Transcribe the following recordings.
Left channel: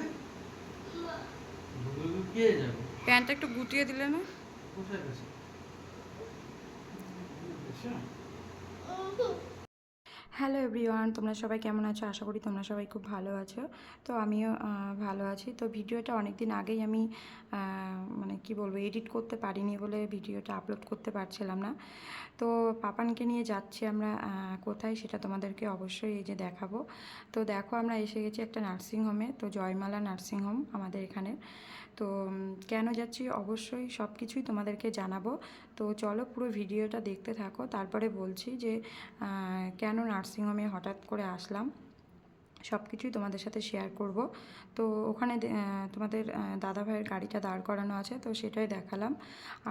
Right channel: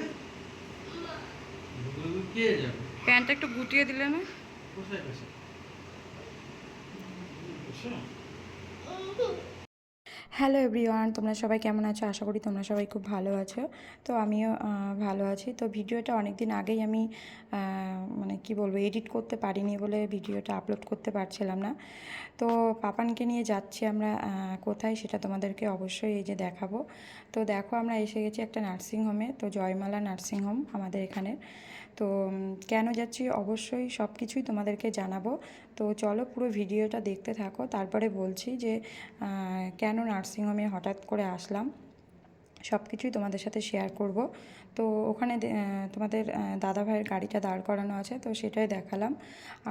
যাবে? কে যাবে? প্যান্টটা একটু গুটিয়ে দিলে না? কোথায় গেছে? বসো হ্যালো এভরিওয়ান তোমরা সবাই কেমন আছো? আশা করি তোমরা সবাই খুব ভালো আছো। তো আমিও ভালো আছি। তো ভিডিওটা অনেক দিন আগেই আমি মানে কি বলব এডিট করতে পারিনি বলে ভিডিওটা আপলোড করতে পারছিলাম না। তো পাপানকে নিয়ে যাচ্ছি আমরা কোথায় সেটা তোমাদেরকে অবশ্যই এই যে দেখাবো। তো দেখো আমরা এসে গেছি একটা নার্সিংহোমে তো জয়মালা নার্সিংহোম আমাদের এখানে। তো কেন যাচ্ছি অবশ্যই সব কিছুই তোমাদেরকে জানাব। তো চলো পুরো ভিডিওটা দেখতে থাকো, তারপরে বলছি যে কেন নার্সিংহোমে হঠাৎ করে আসলাম। সব কিছুই তোমাদের সাথে শেয়ার করব। তো ওখানে তোমাদের দাদা ভাইয়ের গাড়িটা দাঁড় করানো আছে, তো সেটাই দেখালাম।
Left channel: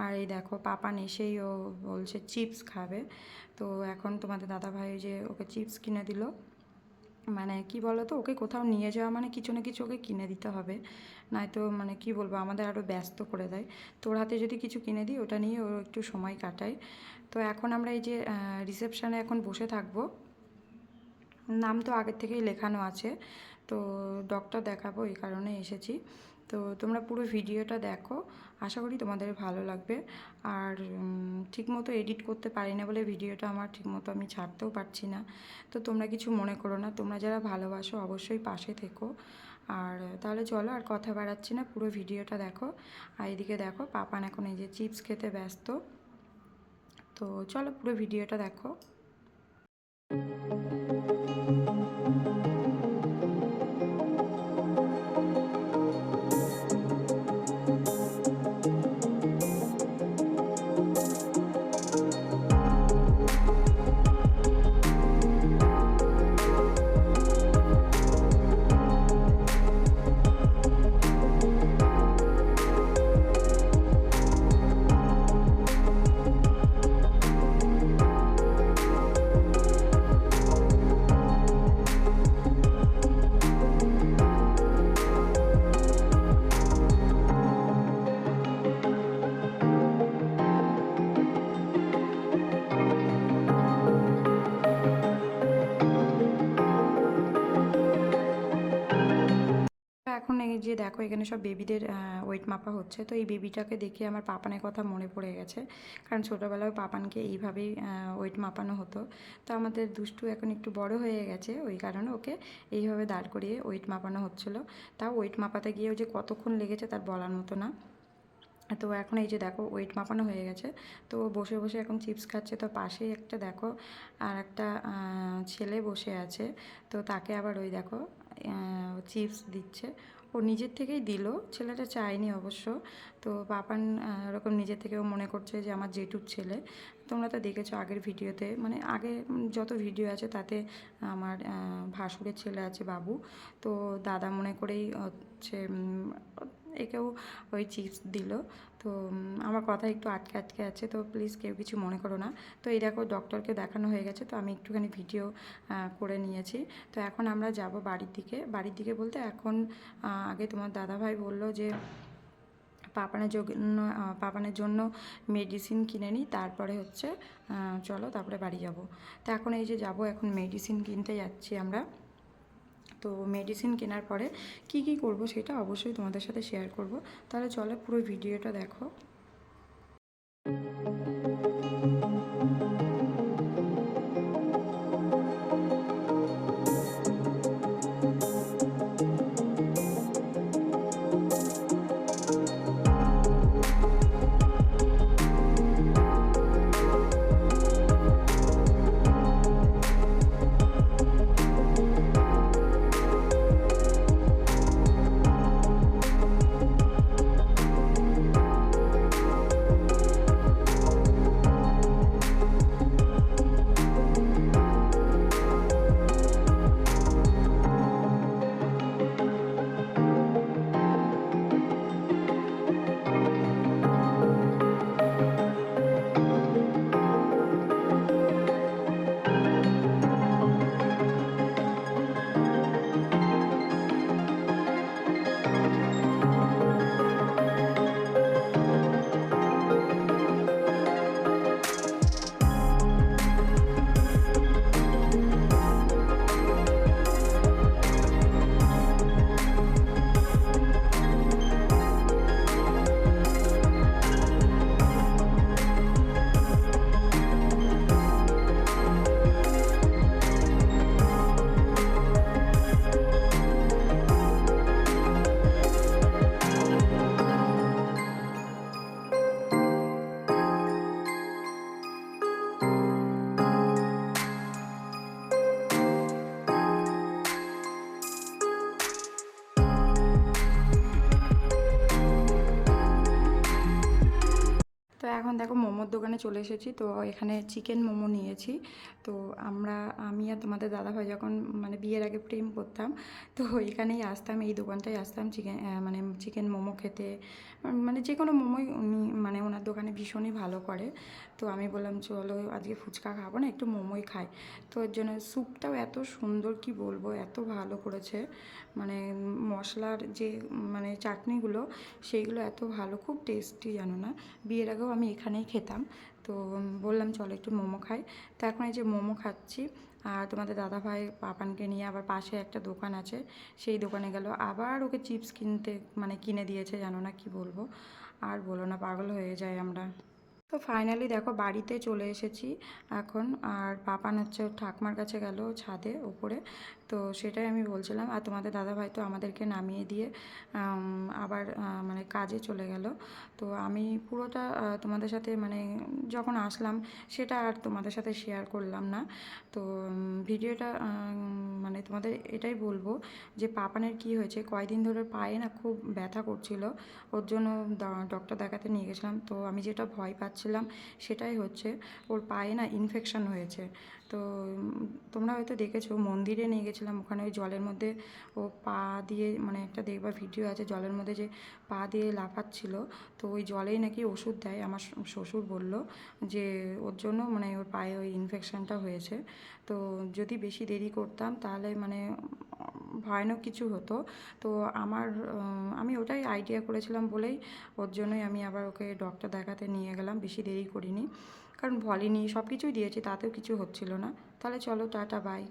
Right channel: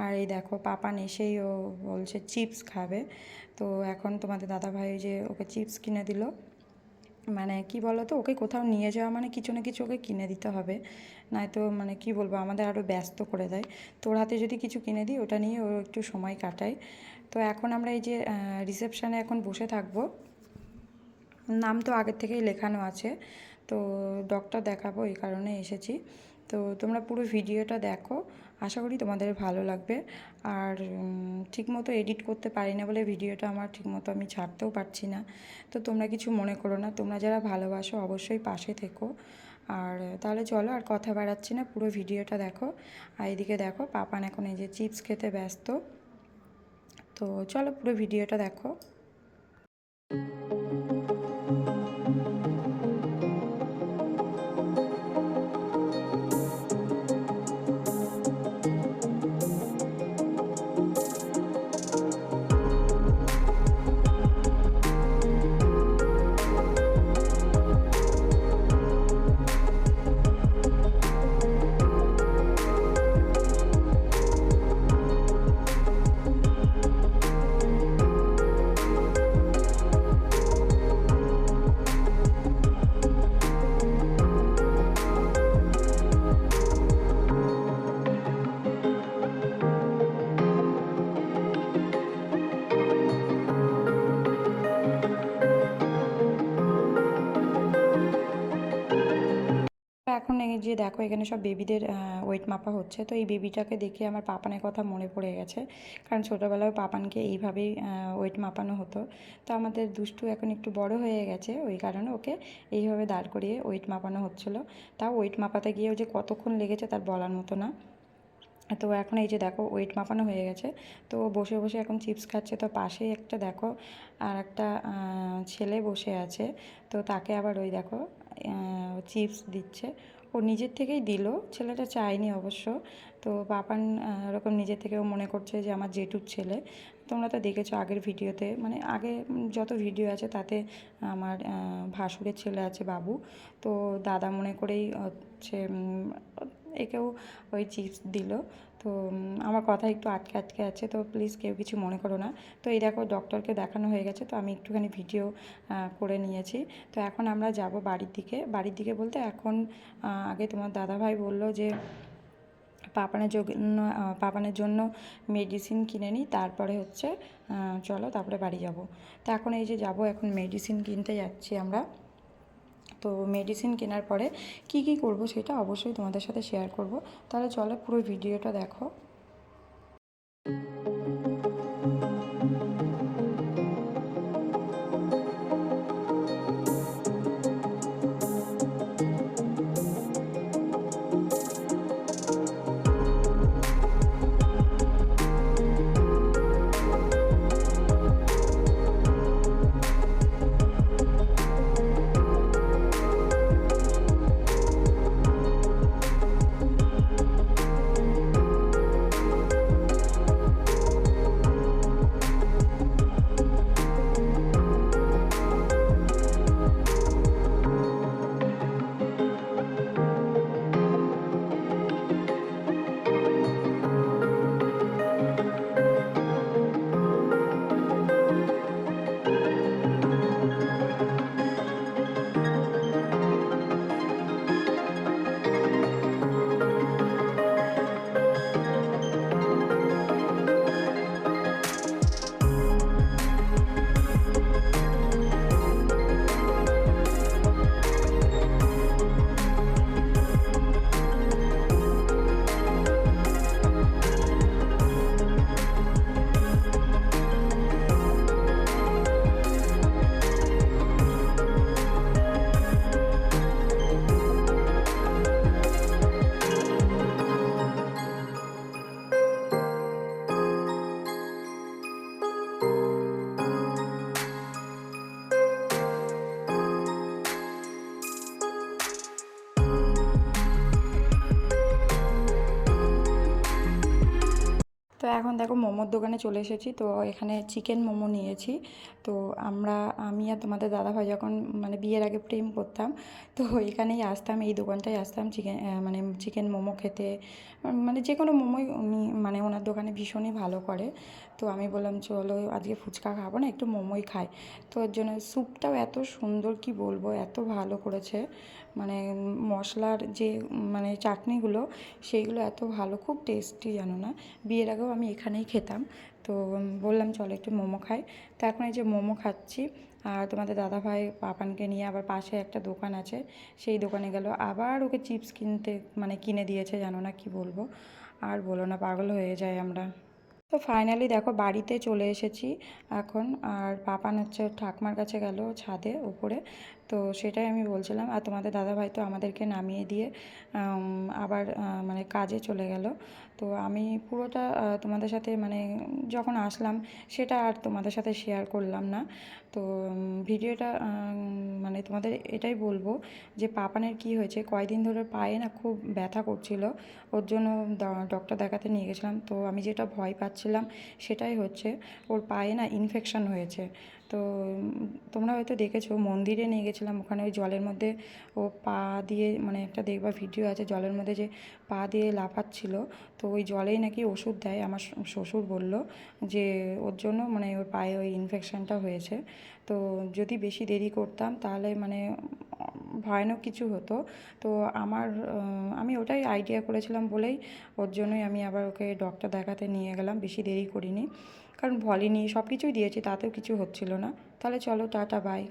আর এই দেখো পাপান এসেই ও বলছে চিপস খাবে। তো এখন তোমাদের দাদা ভাই যে ওকে চিপস কিনে দিল মানে কি বলো তো ওকে কোথাও নিয়ে যাওয়া মানে কিছু না কিছু ওকে কিনে দিতে হবে। নয়তো মানে কি বলব, আমাদের আরও ব্যস্ত করে দেয়। তোর হাতে যদি কিছু কিনে দিই, ওটা নিয়ে ও একটু সময় কাটায়। তো এখন আমরা এই যে রিসেপশানে এখন বসে থাকব নাম তো আগের থেকেই লেখানো আছে, তো ডক্টর দেখাবো এই কারণে এসেছি। তো তোমরা পুরো ভিডিওটা দেখো, আশা করি তোমাদের ভালো লাগবে। আর ঠিকমতো এডিট করতে পারি না বলে ভিডিওটা আমার ঠিকমতো আমি ছাড়তেও পারছি না। তো তোমরা কিছু মনে করো না, তোমরা যারা ভালোবাসো অবশ্যই পাশে থেকো। আর তাহলে চলো আর কথা বাড়াচ্ছি না, পুরো ভিডিওটা দেখো। আর এদিকে দেখো, পাপান এখন এই যে চিপস খেতে ব্যস্ত। তো চলো পুরো ভিডিওটা দেখো। এখন এই যে দেখো, এখানে সব বেবিদের ওয়েট মাপা হচ্ছে। তো এই বেবিটাকে দেখে আমার পাপানের কথা মনে পড়ে গেছে। কারণ ছোটোবেলায় পাপানকে এইভাবেই ওয়েট মাপানো হতো। তো আমাদের দুষ্টু এখন একটু বড় হয়ে গেছে, ওই কারণে ওকে এইভাবে দাঁড় করিয়ে ওয়েট মাপানো হচ্ছিল। তাও ওয়েট মাপাতে গিয়েও যে কতক্ষণ লেগেছে তার বলার মতো না। তো এখন এই যে দেখো ওয়েট মাপানো হয়ে গেছে। তো বসে বসে এখন চিপস খাচ্ছে। তো পাশেই একটা দেখো, আর একটা ছেলে বসে আছে। তো তাকে আবার ওই দেখো চিপস দিচ্ছে। ও নিজের থেকেই দিল। ছেলেটা চায়নি অবশ্য। তো পাপান এরকম নিজের থেকেও মনে করছে যে আমার জেঠুর ছেলে। তোমরা তো দেখেছ আগের ভিডিওতে। মানে আগে যত ভিডিও আছে তাতে আমার ভাসুরের ছেলে আছে বাবু। তো দাদা মনে করেই হচ্ছে একেও ওই চিপস দিল। তো আমার কথা একটু আটকে আটকে আছে, তো প্লিজ কেউ কিছু মনে করো না। তো এই দেখো ডক্টরকে দেখানো হয়ে গেছে, তো আমি একটুখানি ভিডিও করে নিয়েছি। তো এখন আমরা যাব বাড়ির দিকে। বাড়ির দিকে বলতে এখন আগে তোমার দাদাভাই বলল যে, পাপানের জন্য পাপানের জন্য মেডিসিন কিনে নিই তারপরে হচ্ছে চলো তারপরে বাড়ি যাব। তো এখন এই যে যাব, এখন মেডিসিন কিনতে যাচ্ছি আমরা। তো মেডিসিন কেনার পরে কি কি করব সেটা অবশ্যই তোমাদের সাথে শেয়ার করব। তাহলে চলো পুরো ভিডিওটা দেখো। এখন দেখো মোমোর দোকানে চলে এসেছি, তো এখানে চিকেন মোমো নিয়েছি। তো আমরা, আমি আর তোমাদের দাদাভাই যখন মানে বিয়ের আগে প্রেম করতাম, তো এখানেই আসতাম, এই দোকানটায় আসতাম চিকেন মানে চিকেন মোমো খেতে। মানে যে কোনো মোমোই উনি মানে ওনার দোকানে ভীষণই ভালো করে। তো আমি বললাম, চলো আজকে ফুচকা খাব না, একটু মোমোই খাই। তো ওর জন্য স্যুপটাও এত সুন্দর, কি বলব, এত ভালো করেছে। মানে মশলার যে মানে চাটনিগুলো, সেইগুলো এত ভালো, খুব টেস্টি জানো না? বিয়ের আগেও আমি এখানেই খেতাম। তো বললাম, চলো একটু মোমো খাই। তো এখন এই যে মোমো খাচ্ছি, আর তোমাদের দাদাভাই পাপানকে নিয়ে আবার পাশে একটা দোকান আছে, সেই দোকানে গেল। আবার ওকে চিপস কিনতে মানে কিনে দিয়েছে, জানো না কি বলব? আর বলো না, পাগল হয়ে যায় আমরা। তো ফাইনালি দেখো, বাড়িতে চলে এসেছি এখন। আর পাপান হচ্ছে, ঠাকমার কাছে গেল ছাদে, ওপরে। তো সেটাই আমি বলছিলাম। আর তোমাদের দাদাভাই তো আমাদেরকে নামিয়ে দিয়ে আবার মানে কাজে চলে গেল। তো আমি পুরোটা তোমাদের সাথে মানে যখন আসলাম, সেটা আর তোমাদের সাথে শেয়ার করলাম না। তো ভিডিওটা মানে তোমাদের এটাই বলব যে পাপানের কি হয়েছে, কয়দিন ধরে পায়ে না খুব ব্যথা করছিল, ওর জন্য ডক্টর দেখাতে নিয়ে গেছিলাম। তো আমি যেটা ভয় পাচ্ছিলাম, সেটাই হচ্ছে ওর পায়ে না ইনফেকশন হয়েছে। তো তোমরা হয়তো দেখেছ, মন্দিরে নিয়ে গেছিলাম, ওখানে ওই জলের মধ্যে ও পা দিয়ে মানে একটা দেখবার ভিডিও আছে জলের মধ্যে যে পা দিয়ে লাফাচ্ছিল, তো ওই জলেই নাকি ওষুধ দেয়, আমার শ্বশুর বলল যে ওর জন্য মানে ওর পায়ে ওই ইনফেকশানটা হয়েছে, তো যদি বেশি দেরি করতাম তাহলে মানে ভয়ানক কিছু হতো, তো আমার আমি ওটাই আইডিয়া করেছিলাম বলেই ওর জন্যই আমি আবার ওকে ডক্টর দেখাতে নিয়ে গেলাম, বেশি দেরি করিনি। কারণ ভলিনি সব কিছুই দিয়েছি তাতেও কিছু হচ্ছিল না। তাহলে চলো টাটা বাই